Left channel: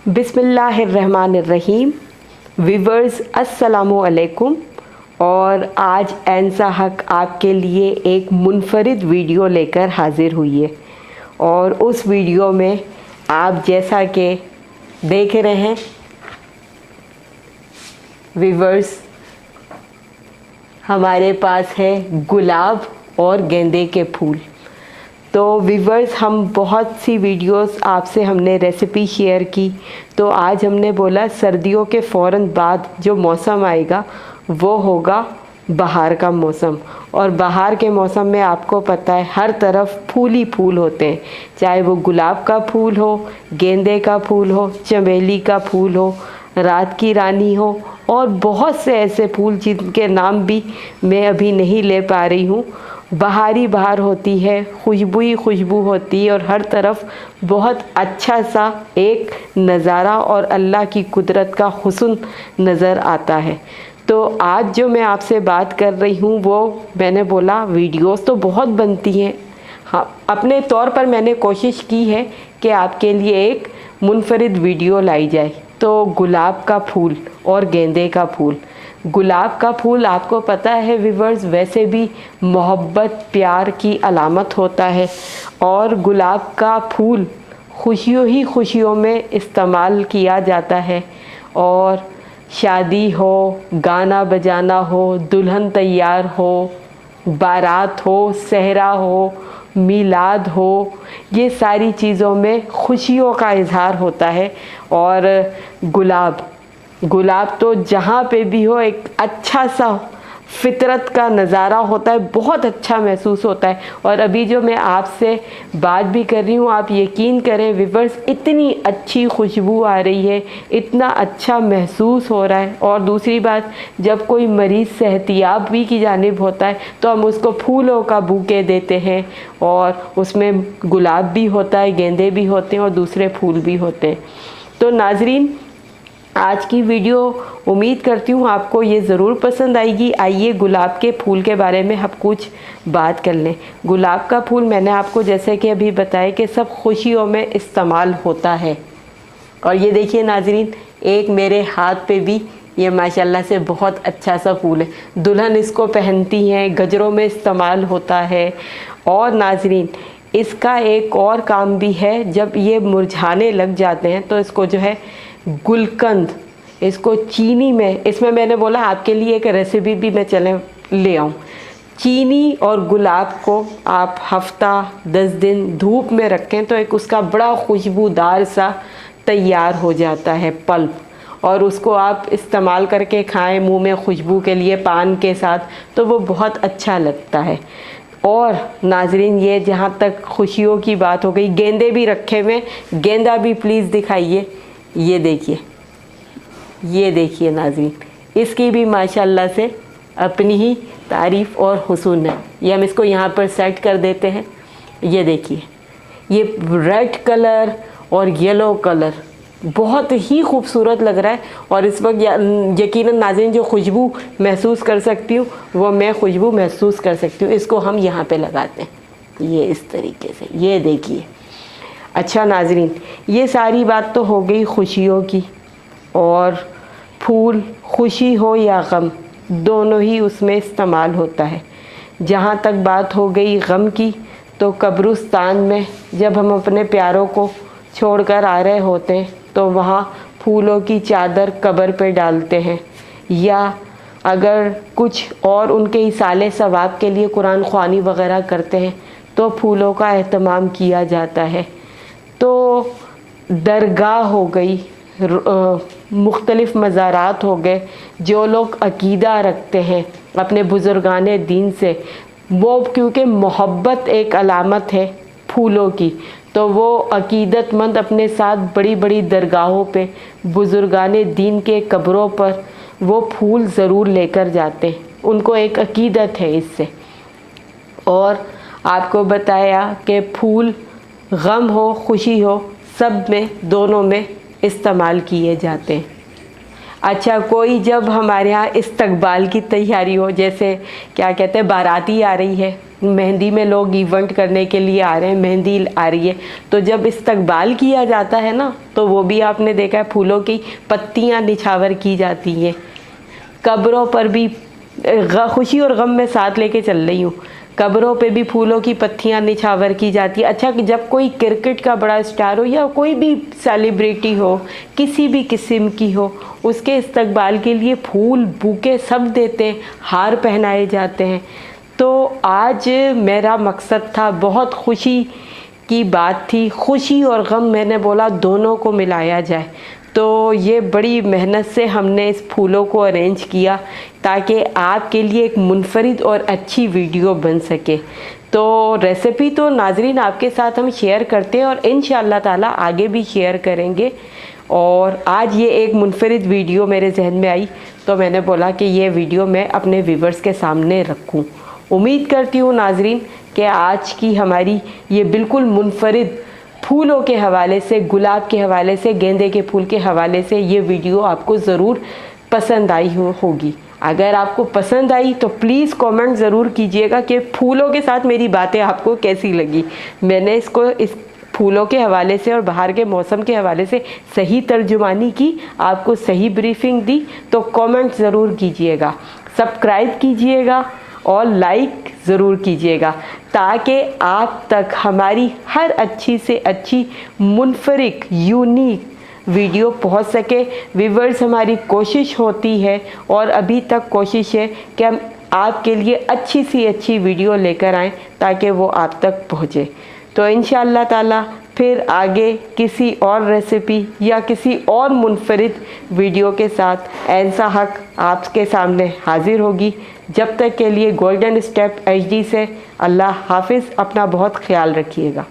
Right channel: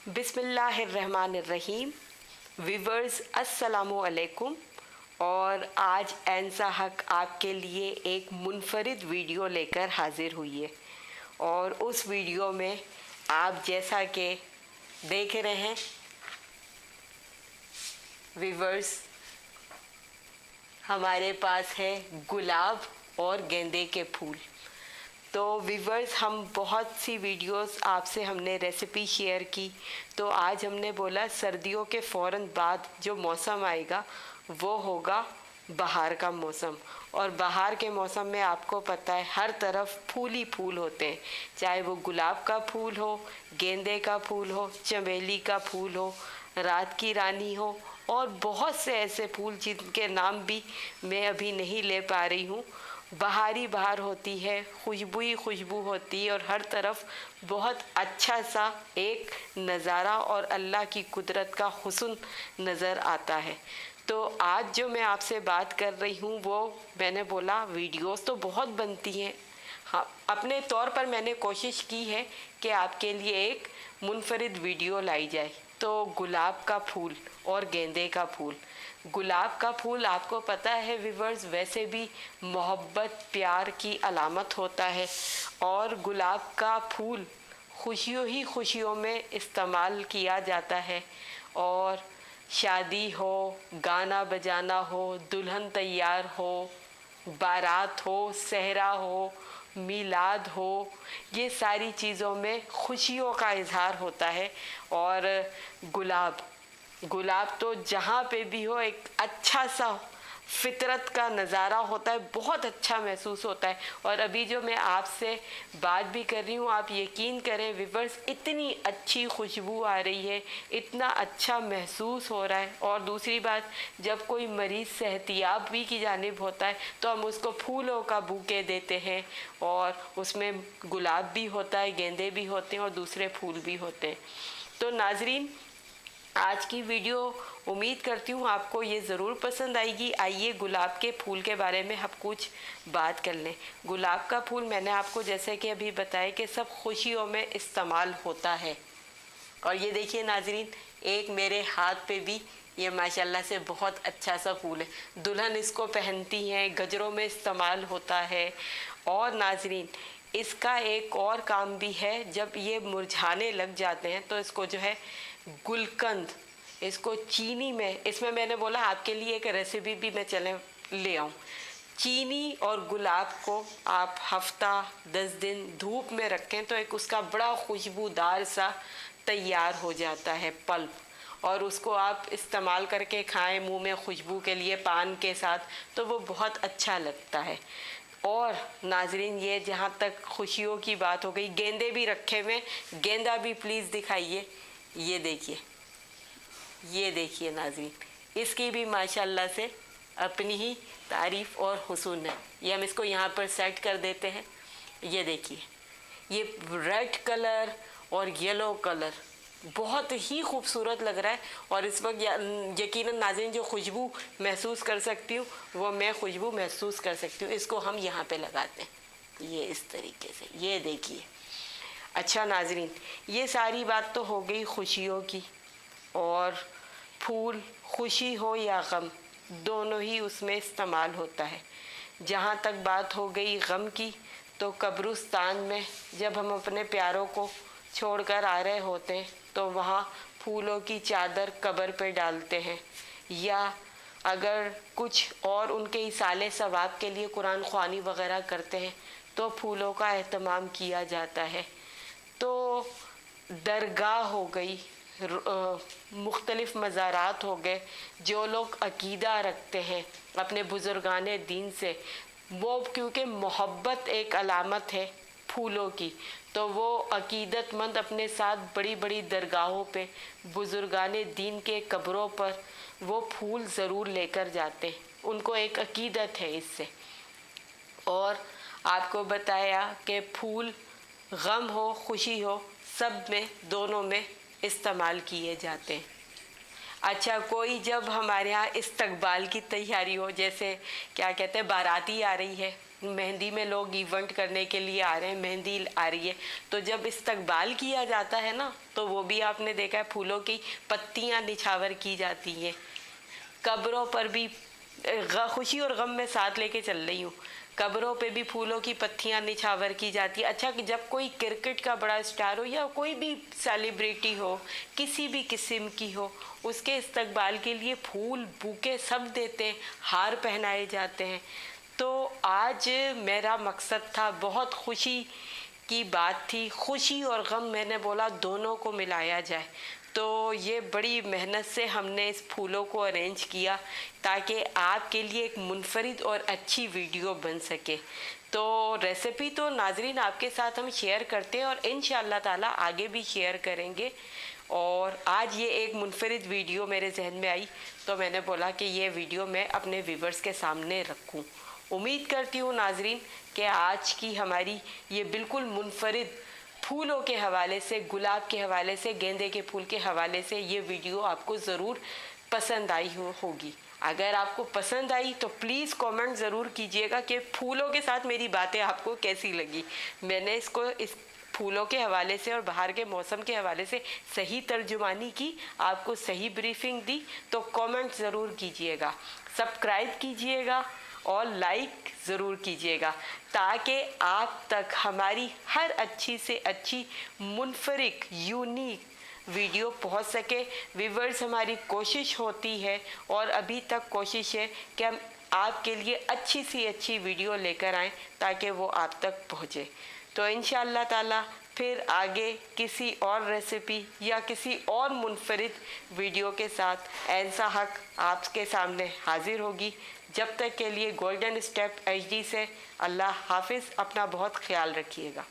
बिस्मिल्लाहिर्रहमानिर्रहीम। व्यूवर्स अस्सलामु अलैकुम। और आज ऐनसा हक आपके लिए एक मुनफरिद वीडियो लेकर हाज़िर हुई है। और उस वीडियो में आप जैसा कि देख रहे हैं व्यूवर्स, हमारे पास है गुलाब और गेंदे के फूल। तो व्यूवर्स, हम बहुत सी वीडियोस आपसे हमने रेसिपी शेयर की, तो आज हमने बोला सर्दियों के फ़ौरन बाद जो मौसम आएगा वो होगा बहार का मौसम। और बहार के मौसम में आपको पता है हर तरफ फूल ही फूल होते हैं, चाहे वो गुलाब का फूल हो, गेंदे का फूल हो, चमेली का फूल हो, रात की रानी हो, और बहुत से ऐसे फूल जिनके नाम भी मैं अभी नहीं ले पा रही हूँ। बहारी बहार होती है, खुशबू ही खुशबू होती है, और हर तरफ बहुत अच्छा सा एक नज़ारा और अल्लाह की कुदरत का हुस्न नज़र आता है। तो आज जो मैं आपसे बात कर रही हूँ वो मैंने बोला वीडियोस तो बहुत बनती हैं, हाँ अपने तौर पर मैंने कोशिश की है कि आपके लिए एक मुनफरिद वीडियो लाई जाए। तो गुलाब का फूल और गेंदे का फूल। गुलाब का फूल आपको पता है व्यूवर्स, वैसे भी मोहब्बत प्यार की अलामत होता है, और गुलाब का फूल खुशियों ही खुशियों में इस्तेमाल किया जाता है। और शादी हो, गाना बजाना हो, दुल्हन तैयार हो, बारात हो, सहरा हो, मीलाद हो, ये सारी चीज़ों में खुशियों का इजहार होता है। और गुलाब तो जहाँ पे भी हो एक अच्छा सा फितरत का नज़ारा होता है, बहुत अच्छा महसूस होता है। और अभी जो मैं आपसे बात भी कर रही हूँ, आप यकीन करें व्यूवर्स, इतनी अच्छी खुशबू आ रही है, इतना अच्छा महसूस हो रहा है। और दूसरी बात, जब कोई मरीज़ सेहतियाब भी की जानिब होता है तो हम उसको फूलों का बूके देते हैं, और उसमें गुलाब भी होता है, गेंदे भी होते हैं और दूसरे फूल भी होते हैं। तो नाजरीन, आज की वीडियो उम्मीद करती हूँ आपको ये ज़रूर पसंद आएगी। आइए गुलाब के फूल के बारे में हम कुछ बात कर लें। गुलाब का फूल मैंने आपको जैसे कि अभी बताया कि सब खुशियों में इस्तेमाल होता है। और ये देखिए नाजरीन, एक मेरे हाथ पे भी ये माशाल्लाह से बहुत अच्छा सा फूल है। दुल्हन इसको पहनती हैं, गजरों में इस्तेमाल होता है। और नाजरीन, इसका एक और काम भी है, जब ये मुरझाने लग जाते हैं तो इसको जो है गुलकंद, इसको चीनी में, इसमें मैंने बोला आपके लिए एक रेसिपी भी मैं चले ले आऊँ। चीनी और गुलाब को आप हफ्ता 10 दिन धूप में रखें तो एक उसका बड़ा खुशबूदार सा तैयार हो जाता है पल्प, और उसको आप इस्तेमाल करके खाएं मुंह में खुशबू के लिए पान के साथ, तो वो बहुत अच्छा लगता है। और नाजरीन, ये जहाँ तक खुशियों की बात हो गई, गेंदे भी रखे हुए, गेंदा भी प्लीज़ दिखाइए। ये देखिए नाज़रीन, इसकी भी माशाल्लाह से अपनी ही तारीफ़ और हुस्न है। ये हम इसको यहाँ पर सेट कर देते हैं। ये देखिए, ये रेड कलर और येलो कलर बहुत ही खूबसूरत लग रहा है। और इस वक्त यकीनन नाज़रीन जो खुशबू महसूस कर सकती हूँ वो मैं खुशबू महसूस कर सकती हूँ। इसको हम यहाँ पे लगाते हैं, ये इस तरीके से, ये देखिए। अच्छा नाजरीन, ये सारी बात तो हो गई खुशियों की। और फूल खुशी हो या गम, दोनों ही उसमें इस्तेमाल होता है। जहाँ तक बात हो गई गम की, तो कब्रिस्तान में जब हम अपने प्यारों को छोड़कर आ रहे होते हैं तो वहाँ फूलों की चादर कब्र पे डालते हैं, या अगर कुछ और उनके इसाले सवाब के लिए कुरान ख़्वानी वग़ैरह करते हैं तो फूलों का एहतमाम किया जाता है। तो दरगाह हो गई, मुख्तलिफ़ मज़ारात हो गए, जो लोग अकीदा रखते हैं अपने बुज़ुर्गाने दीन से, वो क्योंकि मोहब्बत एक अलामत है फूलों की, तो वो अकीदतमंद अपने साथ बड़ी बड़ी दरगाहों पे, बुज़ुर्गाने दीन के कब्रों पर वो फूल ज़रूर लेकर जाते हैं। उनको एक अकीदत है इससे। और आपको बताया कि फूल गम हो खुशी हो, सब में, दोनों में इस्तेमाल किए जाते हैं। अच्छा, कोई जब हमारे यहाँ इस्तकबाल की तैयारी हो, जैसे क्या कहते हैं बाराती आ रही है, मेहंदी में लोग इवेंट करने के लिए आ रहे हैं, मेहंदी आ रही है, तो जब इस्तकबाल किया जाता है ना, तो वो भी आपने देखा है फूलों की पत्तियां निछावर की जाती हैं। कब्रों पर भी खुशी और गम में साथ लेके चल रही हूँ, कब्रों पे भी फूलों की पत्तियां निछावर की जाती है। अच्छा, जब कोई क्रिकेट का बड़ा स्टार हो या कोई भी सेलिब्रिटी हो, किसी भी किस्म की हो, उसके इस्तकबाल के लिए फूल बुके सब देते हैं, हार पहनाए जाते हैं। तो आज मेरा मकसद था, बहुत खुशी की बात थी, खुशी और गम मैंने बोला दोनों को मिलाया जाए। तो ये बड़ी मेहनत से हमने इस फूलों को अरेंज किया ताकि आपके लिए एक मुनफरिद और अच्छी वीडियो बन सके। तो रेसिपी तो नाजरीन आपके साथ हम शेयर करते हैं और इंशाअल्लाह ताला आगे भी शेयर करेंगे। और आज ये एक मुनफरिद वीडियो मेरे जहन में आई, तो मैंने बोला कि ये वीडियो मैं अपने व्यूवर्स के सामने रखूं। उम्मीद करती हूँ नाजरीन कि आज की हमारी ये बिल्कुल मुनफरिद फूलों के हवाले से, गुलाब के हवाले से, गेंदे के फूल के हवाले से ये वीडियो आपको ज़रूर पसंद आई होगी। अगर आपको पसंद आई तो प्लीज़ कमेंट ज़रूर कीजिएगा कि फूलों के साथ मेरी बातें आपको कैसी लगी। मैंने इस फूलों के हवाले से और बाहर के मौसम के हवाले से सही तर्जुमानी की, आपको सही ब्रीफिंग दी, तो कमेंट ज़रूर कीजिएगा, सब्सक्राइब कीजिएगा और लाइक ज़रूर कीजिएगा ताकि आप तक हमारी हर अच्छी से अच्छी मुनफरिद यूनिक वीडियो पहुंच सके। व्यूवर्स, हमारी कोशिश होती है और अभी तक कोशिश है कि हम आपके लिए अच्छी सी अच्छी वीडियो लेकर आएँ ताकि वो आप तक पहुँचे। तो इंशाअल्लाह ताला फिर आगे किसी और रेसिपी या किसी और मुनफरिद वीडियो के साथ ऐसा हक आपके सामने हाजिर होगी। जब तक के लिए गोल्डन स्टेप HD से अल्लाह हाफिज़, अपना बहुत ख्याल रखिएगा।